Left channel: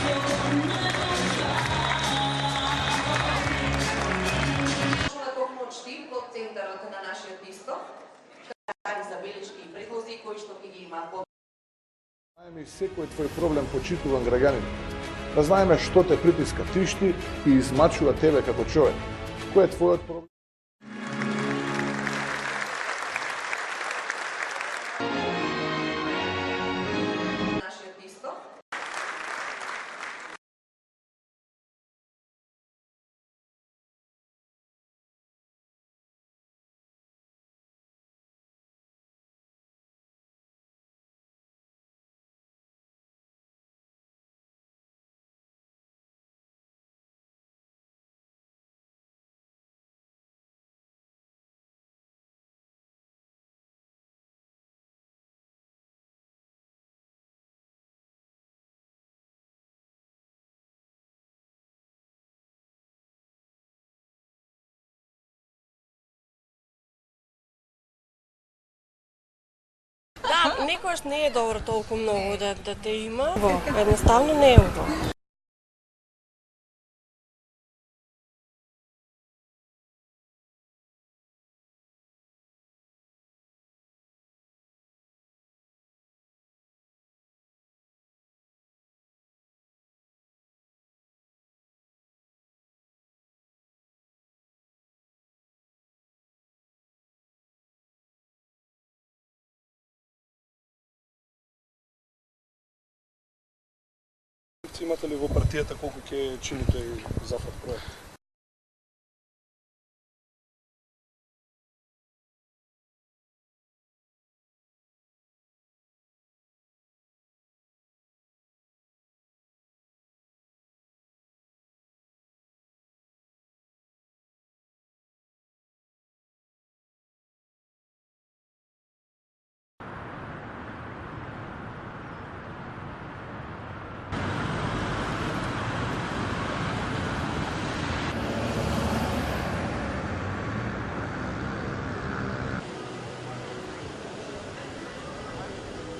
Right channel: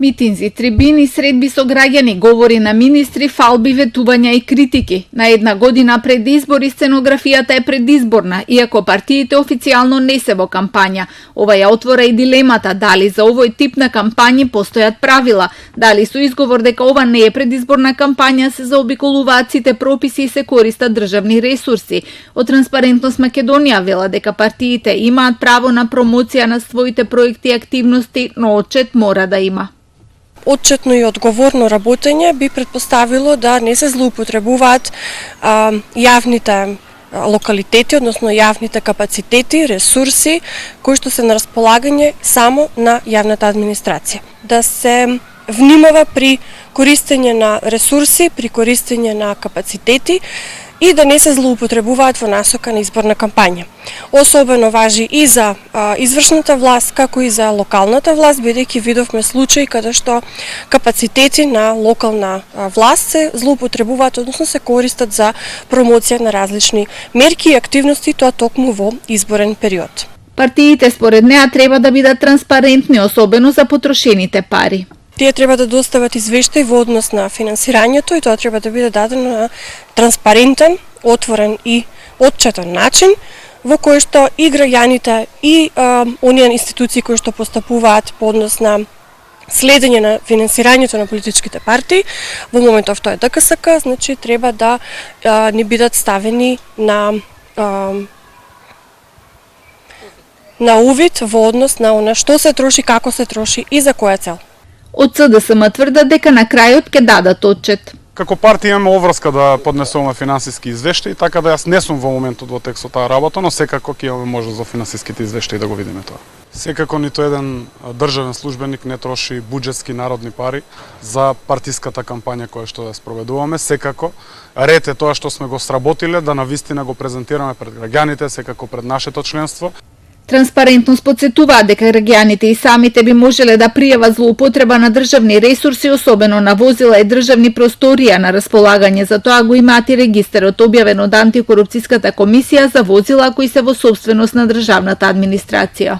Митинзи, трибини, средби со граѓани, говори на министри, фалби, ветувања и критики. На една година пред избори сценографијата е предизборна, иако партиите официјално не се во кампања. Ова ја отвора и дилемата дали за овој тип на кампањи постојат правила, дали со изговор дека ова не е предизборна кампања се заобиколуваат сите прописи и се користат државни ресурси. Од Транспарентност Македонија вела дека партиите имаат право на промоција на своите проекти и активности, но отчет мора да има. Отчетно и одговорно работење би претпоставило да не се злоупотребуваат јавните локалитети, односно јавните капацитети, ресурси кои што се на располагање само на јавната администрација. Да се внимава при користење на ресурси, при користење на капацитети и да не се злоупотребуваат во насока на изборна кампања. Особено важи и за извршната власт, како и за локалната власт, бидејќи видовме случаи каде што капацитети на локална власт се злоупотребуваат, односно се користат за промоција на различни мерки и активности, тоа токму во изборен период. Партиите според неа треба да бидат транспарентни, особено за потрошените пари. Тие треба да достават извештај во однос на финансирањето и тоа треба да биде дадено на транспарентен, отворен и отчетен начин, во кој што и граѓаните и оние институции кои што постапуваат по однос на следење на финансирањето на политичките партии, во моментов тоа е ДКСК, значи треба да не бидат ставени на увид во однос на она што се троши, како се троши и за која цел. Од СДСМ тврдат дека на крајот ќе дадат отчет. Како партија имаме обврска да поднесуваме финансиски извештаи, така да јас не сум во моментот во текст со таа работа, но секако ќе имаме можност за финансиските извештаи да го видиме тоа. Секако ниту еден државен службеник не троши буџетски народни пари за партиската кампања која што ја спроведуваме. Секако ред е тоа што сме го сработиле да навистина го презентираме пред граѓаните, секако пред нашето членство. Транспарентност подсетуваат дека граѓаните и самите би можеле да пријават злоупотреба на државни ресурси, особено на возила и државни просторија на располагање. За тоа го имаат и регистарот објавен од Антикорупцијската комисија за возила кои се во сопственост на државната администрација.